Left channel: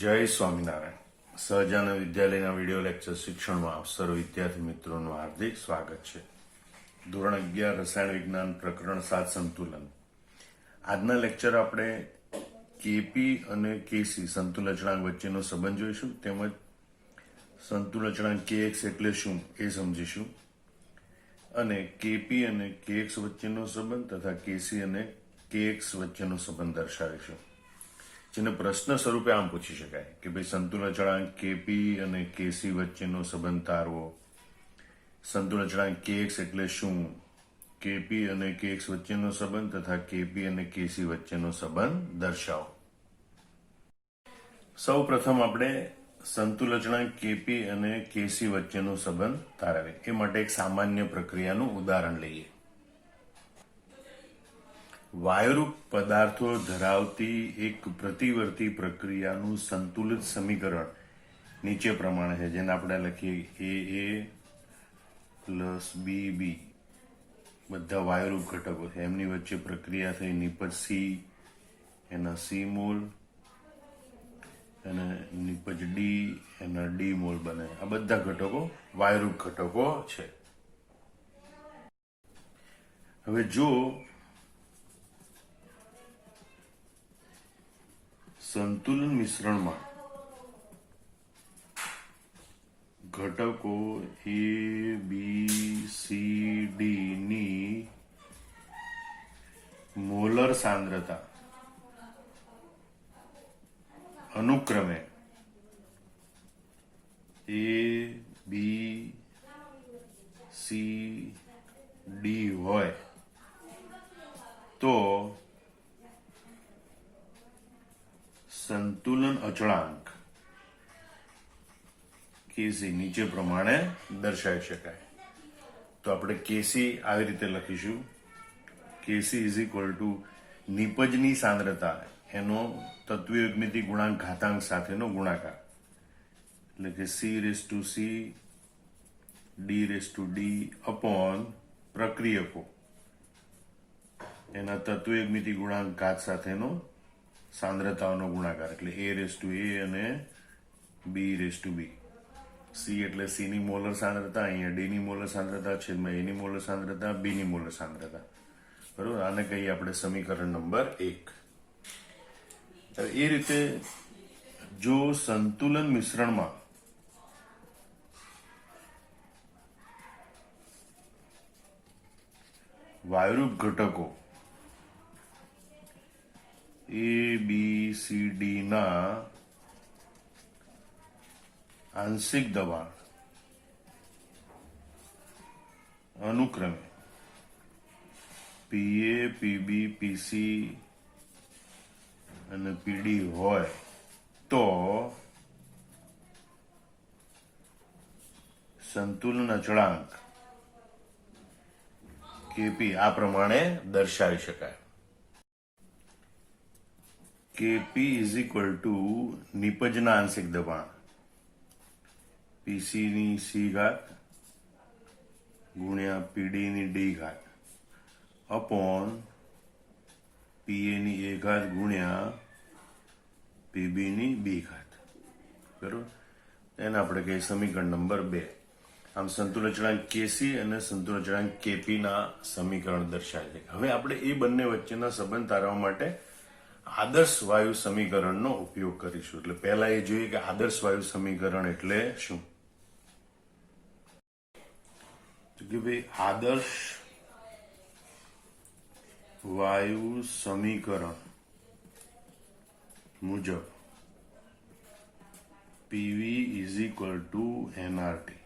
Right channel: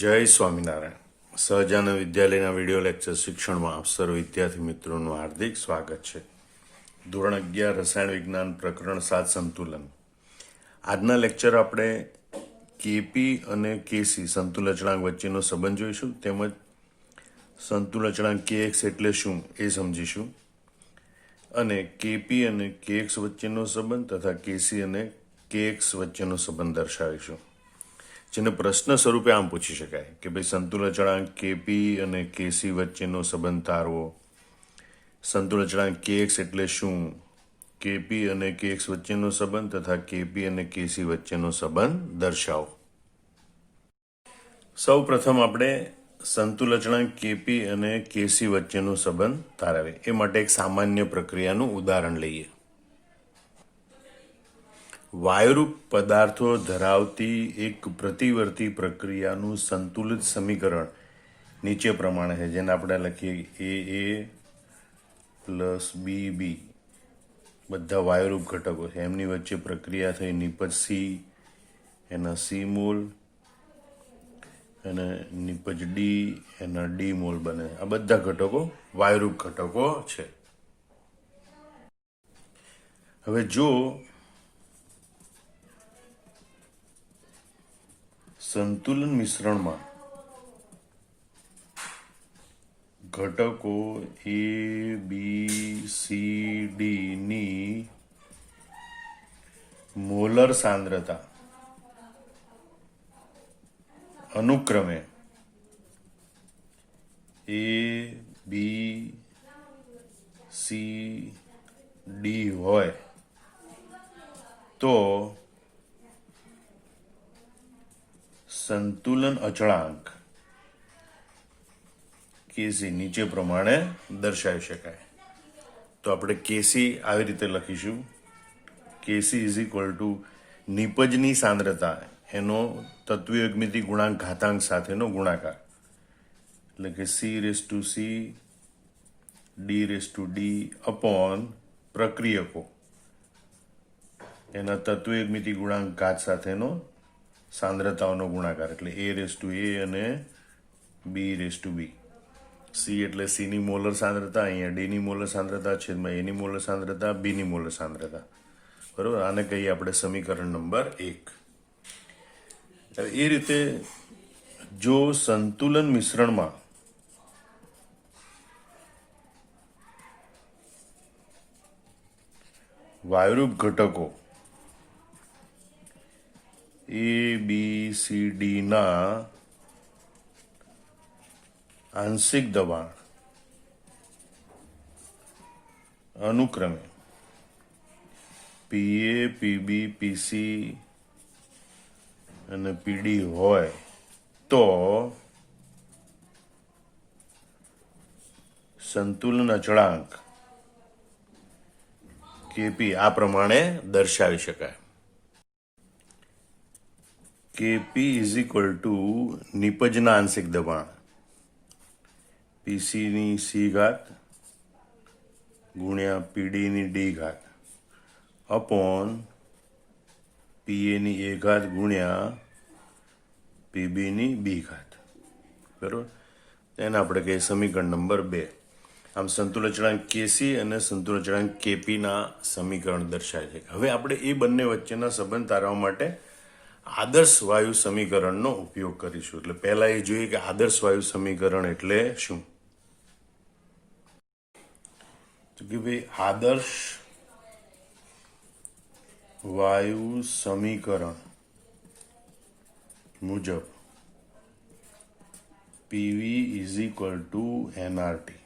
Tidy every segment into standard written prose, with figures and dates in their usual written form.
જય સ્વામિનારાયણ. સહજાનંદ વિદ્યાલયના video lecture શિક્ષણમાં આપ સર્વ વિદ્યાર્થી મિત્રોનું હાર્દિક સ્વાગત છે. ધોરણ 11 રસાયણ વિજ્ઞાન પ્રકરણ 7 સંતુલન. આજના લેક્ચર આપણે કેપી અને કેસી સંતુલન અચળાંક વચ્ચેનો સંબંધ જોઈશું, તેમજ સંતુલન અચળાંક કેએક્સ એટલે શું એ સમજીશું, અને કેપી અને કેએક્સ વચ્ચેનો સંબંધ તથા કેસી અને કેએક્સ વચ્ચેનો સંબંધ દર્શાવીશું. જેને પ્રશ્ન સ્વરૂપે આમ પૂછી શકાય કે ભાઈ સંતુલન અચળાંક કેપી અને કેસી વચ્ચેનો સંબંધ તારવો, સંતુલન અચળાંક કેએક્સ એટલે શું, કેપી અને કેએક્સ વચ્ચેનો સંબંધ તથા કેપી અને કેસી વચ્ચેનો સંબંધ દર્શાવો. સૌ પ્રથમ આપણે સંતુલન અચળાંક કેપી અને કેસી વચ્ચેનો સંબંધ તારવે એ માટે એક સામાન્ય પ્રક્રિયાનું ઉદાહરણ લઈએ. વાયુરૂપ પદાર્થો ધરાવતી એક પ્રતિવર્તી પ્રક્રિયાનું સંતુલિત સમીકરણ નીચે પ્રમાણે છે, જેને આપણે લખીએ એ પ્લસ બી, બધા વાયુરૂપ ઘટકો છે, એમની વચ્ચે પ્રક્રિયા થઈ નિપજ સી, એના સી મોલ, અને નિપજ ડી, એના ડી મોલ બને. આ બધા ઘટકો વાયુરૂપ ઘટકો છે. હવે જો સંતુલન મિશ્રણમાં ઘટકો એ બી સી ડી ની મોલર સાંદ્રતા અનુક્રમે એ બી સી ડી હોય તો સંતુલન અચળાંક કેસી નીચે પ્રમાણે દર્શાવી શકાય. તો આપણે કેસી આવી રીતે લખીશું, કેસી ઇઝ ઇક્વલ ટુ નિપજની સાંદ્રતા એનો તત્વયુગ્મિતિ ગુણાંક ઘાતાંક સાથેનો ગુણાકાર, એટલે કે C raise to C D raise to D upon પ્રક્રિયકો એના તત્વયુગ્મિતિ ગુણાંક ઘાત સાથેનો સાંદ્રતાઓનો ગુણાકાર, એટલે એ રેસ ટુ એ અને B raise to B. C એટલે સીની મોલર સાંદ્રતા, અહીંયા ડીની મોલર સાંદ્રતા, છેદમાં એની મોલર સાંદ્રતા, બીની મોલર સાંદ્રતા. બરોબર, આને કહીએ આપણે સમીકરણ નંબર 1. એ રીતે જો સંતુલન મિશ્રણમાં વાયુરૂપ ઘટકો એ બી સી ડી ના આંશિક દબાણ અનુક્રમે પીએ, પીબી, પીસી અને પીડી હોય તો સંતુલન અચળાંક કેપી આ પ્રમાણે દર્શાવી શકાય. કેપી ઇઝ ઇક્વલ ટુ નિપજના આંશિક દબાણ પીસીની સી ઘાત ગુણ્યા પીડીની ડી ઘાત અપોન પીએની એ ઘાત ગુણ્યા પીબીની બી ઘાત. બરાબર, એને આપણે કહીએ સમીકરણ નંબર 2. આમ સંતુલન અચળાંક કેસી અને સંતુલન અચળાંક કેપીના સમીકરણ દર્શાવે છે. હવે આપણે એ બંને વચ્ચેના સંબંધ તારવા માટે આદર્શ વાયુ સમીકરણનો ઉપયોગ કરીશું. એટલે પહેલા એ જોઈએ કે આદર્શ વાયુ સમીકરણ એટલે શું. તો કે ભાઈ આદર્શ વાયુ સમીકરણ મુજબ PV is equal two NRT,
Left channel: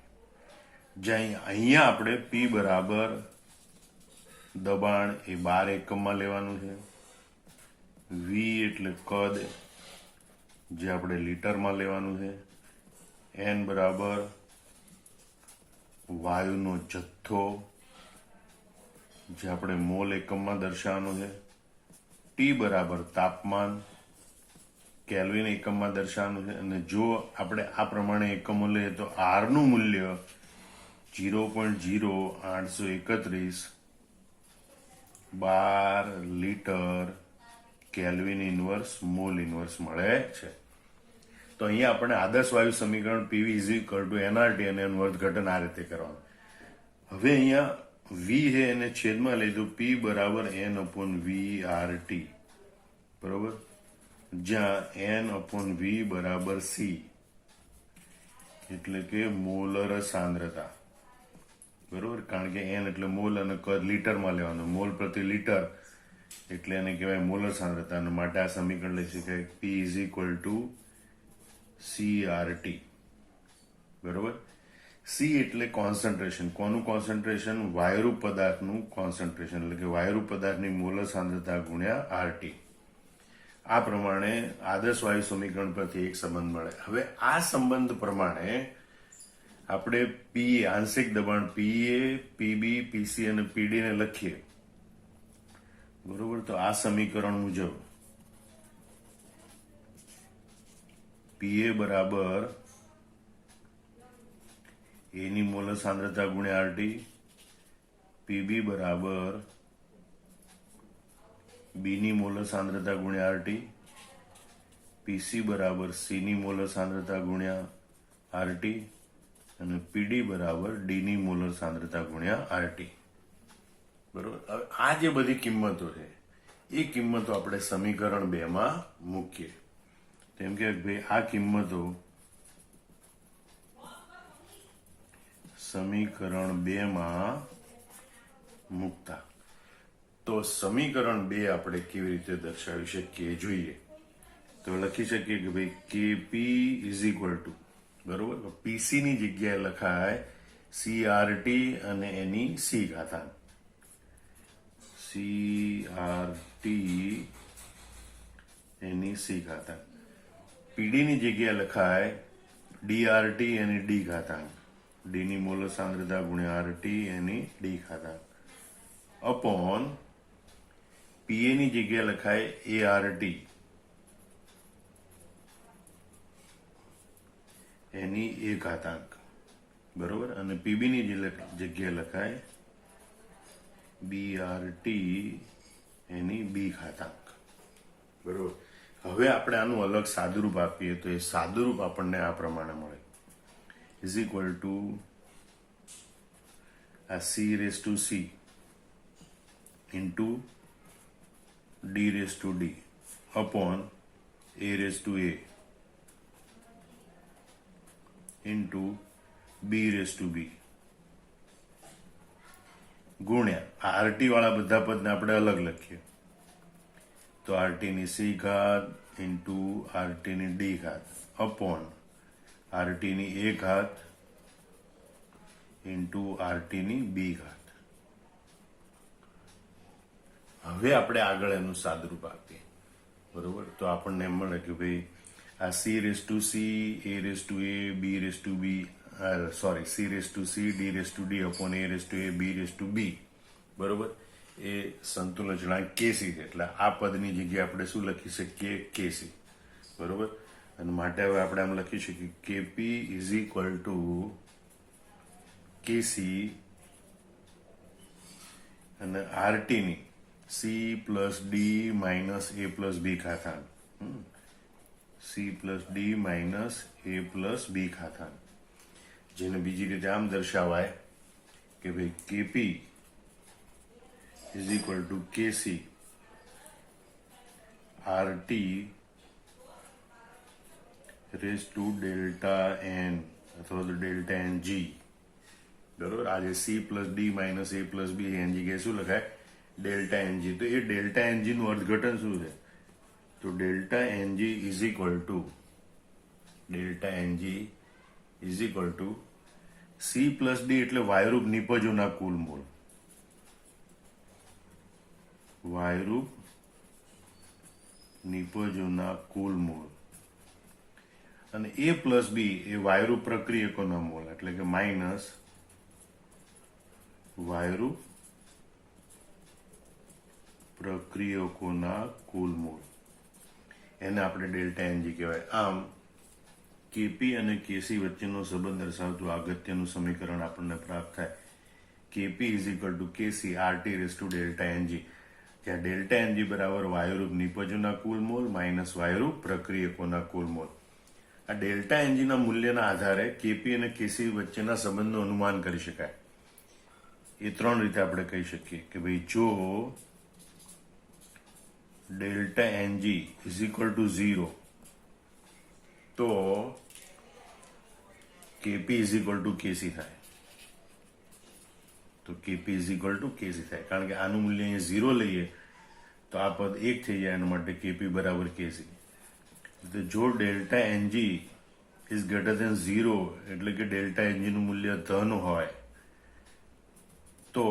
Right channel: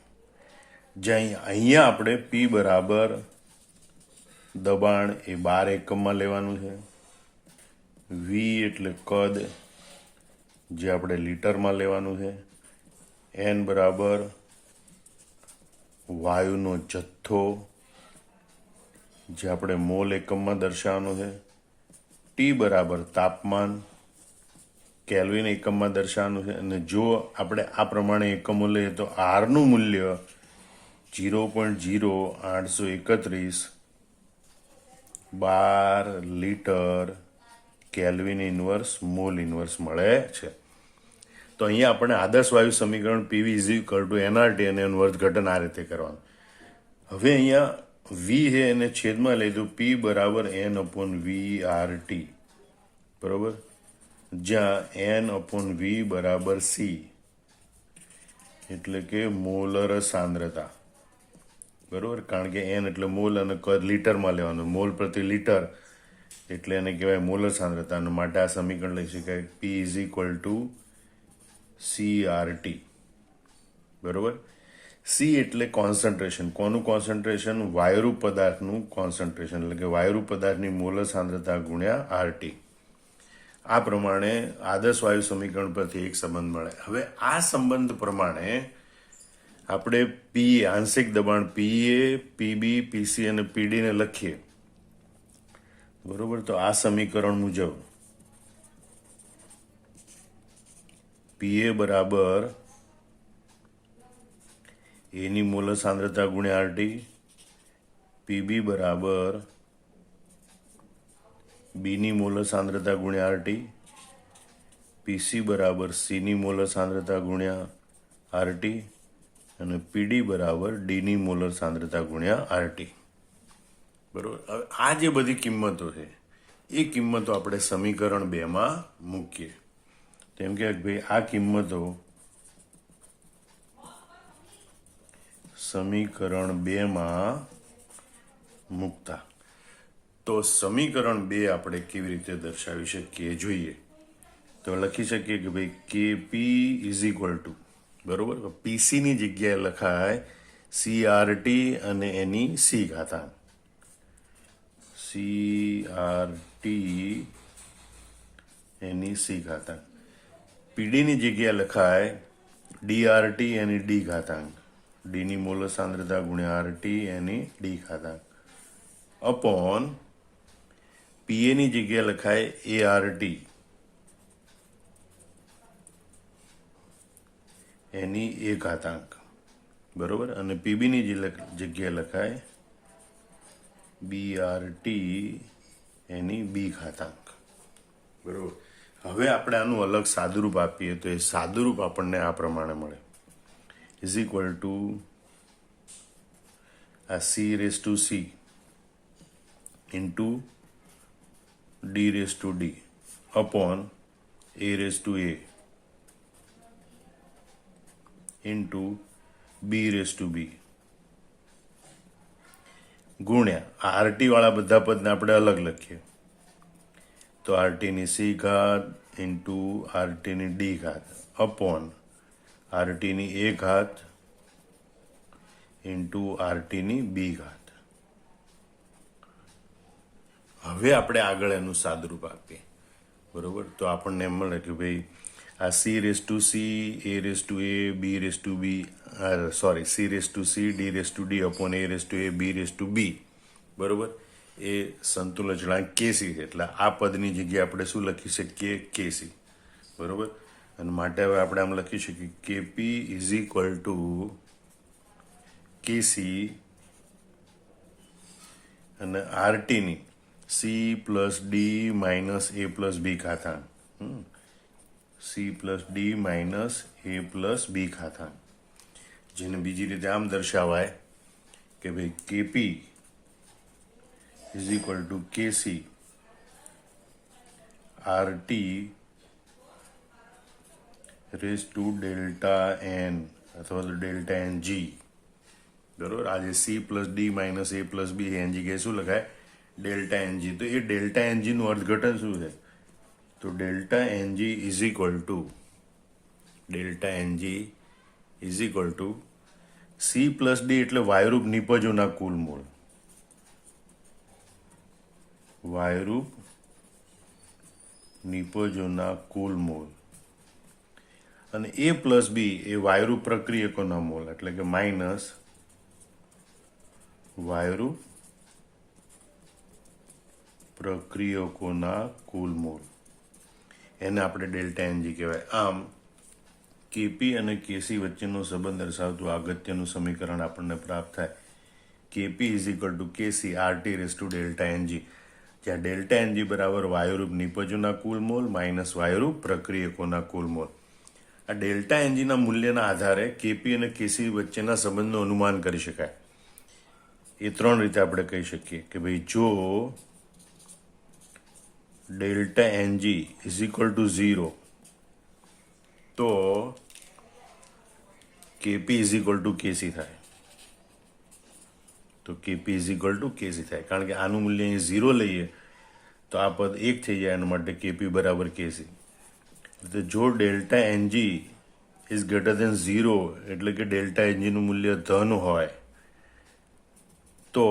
જ્યાં અહીંયા આપણે પી બરાબર દબાણ એ 12 એકમમાં લેવાનું છે, વી એટલે કદ જે આપણે લીટરમાં લેવાનું છે, એન બરાબર વાયુનો જથ્થો જે આપણે મોલ એકમમાં દર્શાવવાનો છે, ટી બરાબર તાપમાન કેલ્વિન એકમમાં દર્શાવવાનું છે. અને જો આપણે આ પ્રમાણે એકમો લઈએ તો આરનું મૂલ્ય 0.0831 12 litre kelvin inverse mall inverse મળે છે. તો અહીંયા આપણે આદર્શ વાયુ સમીકરણ PV is equal two NRT અને એનું અર્થઘટન આ રીતે કરવાનું. હવે અહીંયા વી છે એને છેદમાં લીધું પી બરાબર N upon V R T, બરોબર, જ્યાં એન અપોન વી બરાબર સી એટલે કે મોલર સાંદ્રતા, બરોબર, કારણ કે એન એટલે મોલ અને લીટરમાં લેવાનું, મોલ પ્રતિ લીટર એટલે એને કહેવાય મોલર સાંદ્રતા, અને માટે આ સમીકરણ લઈ શકાય પી ઇઝ ઇક્વલ ટુ CRT, બરોબર. સી એટલે કોન્સન્ટ્રેશન. કોનું કોન્સન્ટ્રેશન? વાયુરૂપ પદાર્થનું કોન્સન્ટ્રેશન, એટલે કે વાયુરૂપ પદાર્થની મોલર સાંદ્રતા ગુણ્યા આરટી. આ પ્રમાણે આદર્શ વાયુ સમીકરણ પરથી એક સંબંધ મળે. હવે આ સંબંધ પ્રમાણે આપણે પી આંશિક દબાણ પીએ, પીબી, પીસી અને પીડી ને લખીએ, બરોબર. તો આ સમીકરણ મુજબ પીએ બરાબર એની મોલર સાંદ્રતા ગુણ્યા આરટી, પીબી બરાબર બીની મોલર સાંદ્રતા ગુણ્યા આરટી, પીસી બરાબર સીની મોલર સાંદ્રતા ગુણ્યા આરટી અને પીડી બરાબર ડીની મોલર સાંદ્રતા ગુણ્યા આરટી, બરોબર. હવે આ જે બધી કિંમતો છે એ કિંમતો આપણે સમીકરણ 2 માં મૂકીએ. કેમ કે ભાઈ આ કિંમતો સમીકરણ 2 માં મૂકતા તો સમીકરણ 2 આપણે કેવી રીતે દર્શાવી શકીએ જોઈએ. તો લખી શકીએ કે ભાઈ કેપી ઇઝ ઇક્વલ ટુ, બરોબર, પીસી ની જગ્યાએ લખાય CRT અને એની સી ઘાતાંક, CRT એની સી ઘાતાંક. પીડી ની જગ્યાએ લખાય DRT એની ડી ઘાતાંક, ડી ની મોલર સાંદ્રતા ગુણ્યા આરટી એની ડી ઘાતાંક, અપોન પીએ ની જગ્યાએ લખાય ART એની એ ઘાતાંક, બરોબર, અને પીબી ની જગ્યાએ લખાય BRT એની બી ઘાતાંક, બરોબર. હવે આપણે આનું અલગ સાદુરૂપ આપીએ તો એ સાદુરૂપ આપણને આ પ્રમાણે મળે ઇઝ ઇક્વલ ટુ આ C raise to C into D raise to D upon A raise to A into B raise to B ગુણ્યા આરટી વાળા બધા પદને આપણે અલગ લખીએ તો આરટી ની સી ઘાત ઇન્ટુ આરટી ની ડી ઘાત અપોન આરટી ની એ ઘાત ઇન્ટુ આરટી ની બી ઘાત. હવે આપણે આગળ એનું સાદુરૂપ આપીએ, બરોબર. તો આપણને એમ મળે કે ભાઈ આ C raise to C, A raise to A, B raise to B, sorry, C raise to C, D raise to D upon A raise to A, B raise to B, બરોબર, એ સંતુલન અચળાંક કેસી છે. એટલે આ પદની જગ્યાએ આપણે શું લખી શકીએ? કેસી, બરોબર. અને માટે હવે આપણે આમ લખી શકીએ KP is equal to KC અને આરટી ની C plus D minus A plus B ઘાતાંક, C plus D minus A plus B ઘાતાંક, જેને બીજી રીતે આમ દર્શાવાય કે ભાઈ KP is equal to KC RT raise to delta N અથવા તો ડેલ્ટા એન જી, બરોબર. આજે C plus D minus A plus B N જગ્યાએ શું લખાય? Delta NG. તો એ ડેલ્ટા એનજી નું અર્થઘટન શું છે? તો delta NG is equal to C plus D એટલે વાયુરૂપ નિપજોના કુલ મોલ, વાયુરૂપ નિપજોના કુલ મોલ, અને એ પ્લસ બી એ વાયુરૂપ પ્રક્રિયકોના મોલ એટલે કે માઇનસ વાયુરૂપ પ્રક્રિયકોના કુલ મોલ, એને આપણે ડેલ્ટા એનજી કહેવાય. આમ કેપી અને કેસી વચ્ચેનો સંબંધ દર્શાવતું અગત્યનું સમીકરણ આપણને પ્રાપ્ત થાય. KP is equal to KC RT raise to delta NG, જ્યાં ડેલ્ટા એનજી બરાબર વાયુરૂપ નિપજોના કુલ મોલ માઇનસ વાયુરૂપ પ્રક્રિયકોના કુલ મોલ. આ ડેલ્ટા એનજીના મૂલ્યના આધારે કેપી અને કેસી વચ્ચેના સંબંધનું અનુમાન કરી શકાય. એ 3 રીતે આપણે કહી શકીએ કે ભાઈ જો delta NG is equal to 0 તો KP is equal to KC થાય. તો KP is equal to KC થાય, કારણ કે આનું મૂલ્ય અહીં 0 લઈએ તો આ પદ 1 થઈ જાય, એના માટે કેપી બરાબર કેસી. તો જો delta NG is greater than 0 એટલે કે ડેલ્ટા એનજીનું મૂલ્ય ધન હોય તો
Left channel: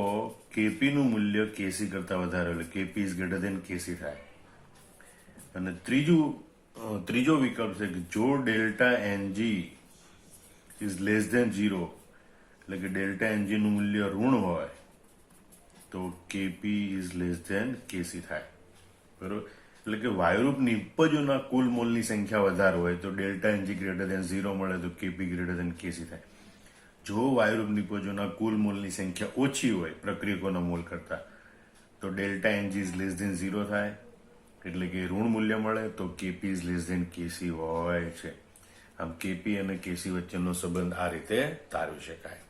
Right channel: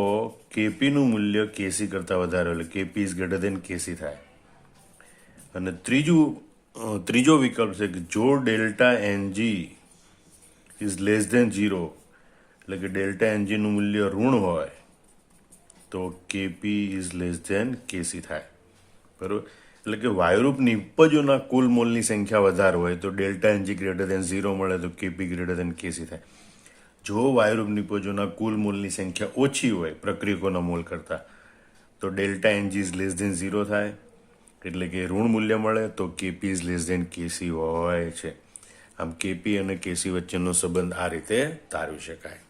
કેપીનું મૂલ્ય કેસી કરતાં વધારે, એટલે KP is greater than KC થાય. અને ત્રીજો વિકલ્પ છે કે જો delta NG is less than 0 એટલે કે ડેલ્ટા એનજીનું મૂલ્ય ઋણ હોય તો KP is less than KC થાય. બરાબર, એટલે કે વાયુરૂપ નિપજોના કુલ મોલની સંખ્યા વધારે હોય તો ડેલ્ટા એનજી ગ્રેટર દેન 0 મળે તો કેપી ગ્રેટર દેન કેસી થાય. જો વાયુરૂપ નિપજોના કુલ મોલની સંખ્યા ઓછી હોય પ્રક્રિયકોના મોલ કરતાં તો delta NG is less than 0 થાય, એટલે કે ઋણ મૂલ્ય મળે તો KP is less than KC હોય છે. આમ કેપી અને કેસી વચ્ચેનો સંબંધ આ રીતે તારવી શકાય.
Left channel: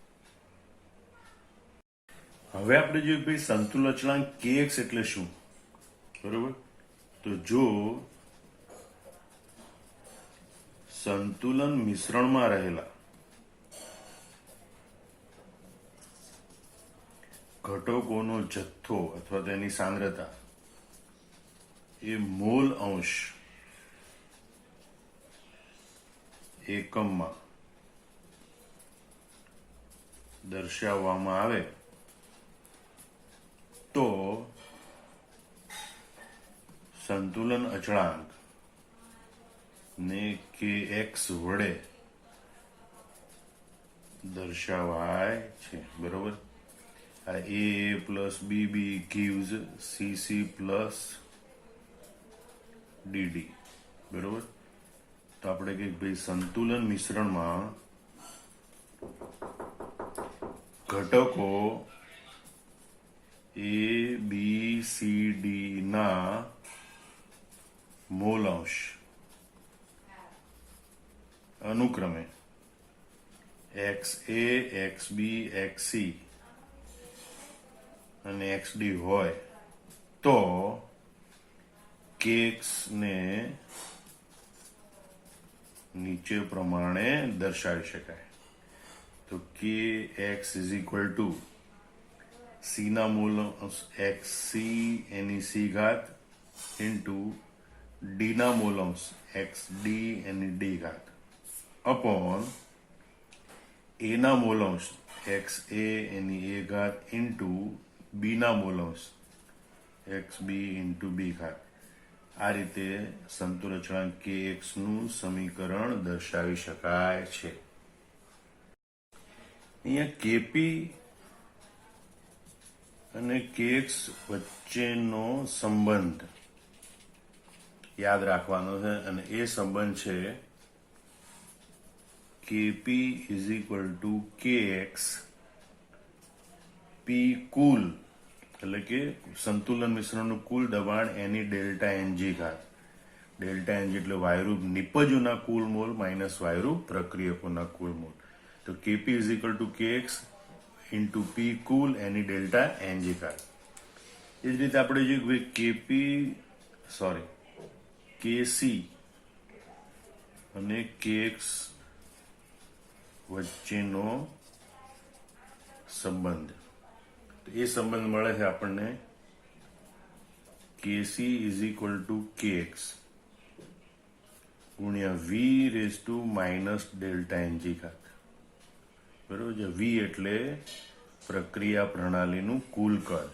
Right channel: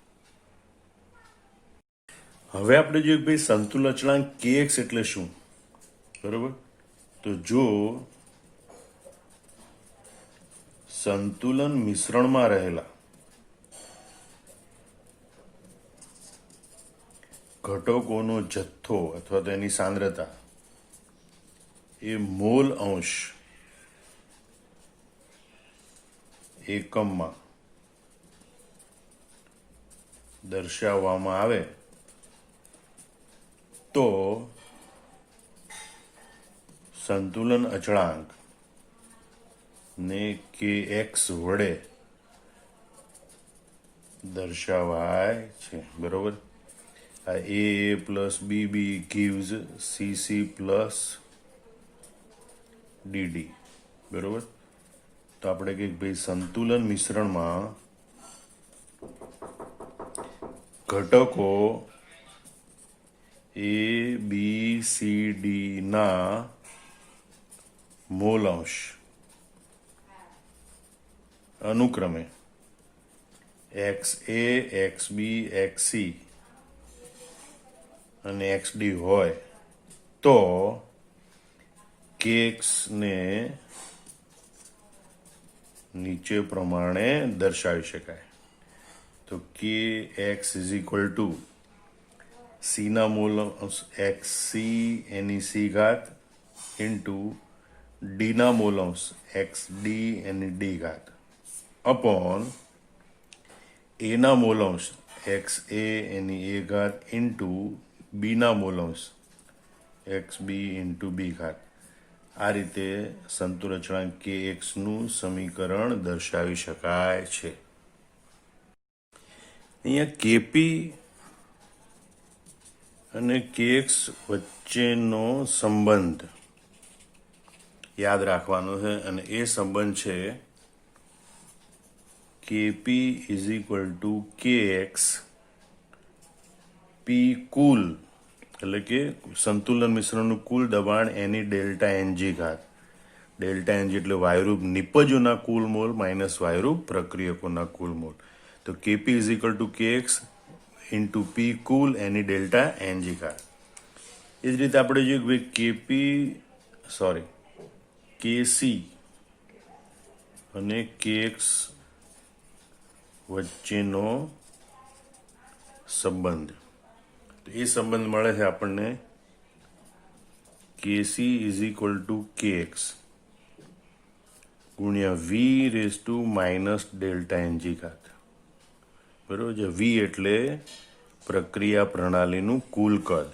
હવે આપણે જોઈએ ભાઈ સંતુલન અચળાંક kx એટલે શું. બરોબર, તો જો સંતુલન મિશ્રણમાં રહેલા ઘટકોનો જથ્થો અથવા તેની સાંદ્રતા એ મોલ અંશ એકમમાં દર્શાવવામાં આવે તો સંતુલન અચળાંક ને kx વડે દર્શાવાય છે. બરોબર, આ a plus bb gives cc plus dd. બરોબર, તો આપણે કહીએ ભાઈ સંતુલન મિશ્રણમાં ઘટકો a b c d ના મોલ અંશ અનુક્રમે XA, XB, XC અને XD હોય તો kx ને નીચે પ્રમાણે દર્શાવી શકાય. તો kx is equal two c ના મોલ અંશ xc એની c ઘાત ઇન્ટુ d ના મોલ અંશ xd એની d ઘાત અપોન a ના મોલ અંશ xa એની a ઘાત ઇન્ટુ b ના મોલ અંશ xb ઇન્ટુ b ઘાત. આ રીતે સંતુલન અચળાંક kx નું સમીકરણ દર્શાવી શકાય છે. અહીંયા કેપી અને kx વચ્ચેનો સંબંધ યાદ રાખવાનો છે, અને એ સંબંધ છે KP is equal to kx P કુલ, એટલે કે સંતુલન મિશ્રણનું કુલ દબાણ એની ડેલ્ટા એનજી ઘાત. ડેલ્ટા એનજી એટલે વાયુરૂપ નિપજોના કુલ મોલ માઇનસ વાયુરૂપ પ્રક્રિયકોના કુલ મોલ. તો KP is equal to kx into P કુલ એની ડેલ્ટા એનજી ઘાત. એ જ રીતે આપણે જોઈએ કેસી અને kx વચ્ચેનો સંબંધ. તો એ સંબંધ મળે છે આપણને KC is equal to kx ગુણ્યા V raise to minus delta NG ઘાત. બરોબર છે, વી એટલે પ્રક્રિયા પ્રણાલીનું કુલ કદ.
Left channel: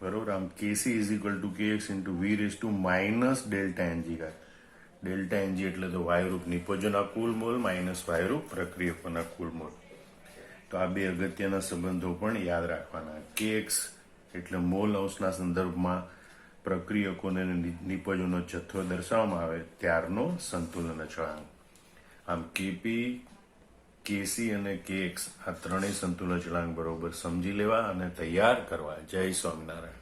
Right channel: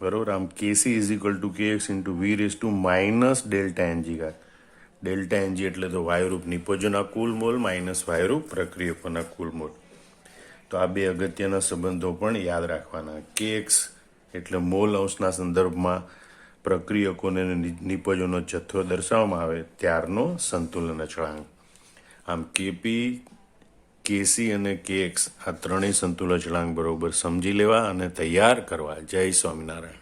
બરોબર, આમ KC is equal to kx into V raise to minus delta NG ઘાત. ડેલ્ટા એનજી એટલે તો વાયુરૂપ નિપજોના કુલ મોલ માઇનસ વાયુરૂપ પ્રક્રિયકોના કુલ મોલ. તો આ બે અગત્યના સંબંધો પણ યાદ રાખવાના. kx એટલે મોલ અંશના સંદર્ભમાં પ્રક્રિયકોને નિપજોનો જથ્થો દર્શાવવામાં આવે ત્યારનો સંતુલન અચળાંક. આમ કેપી, કેસી અને kx આ ત્રણેય સંતુલન અચળાંક બરોબર સમજી લેવા અને તૈયાર કરવા. જય સ્વામિનારાયણ.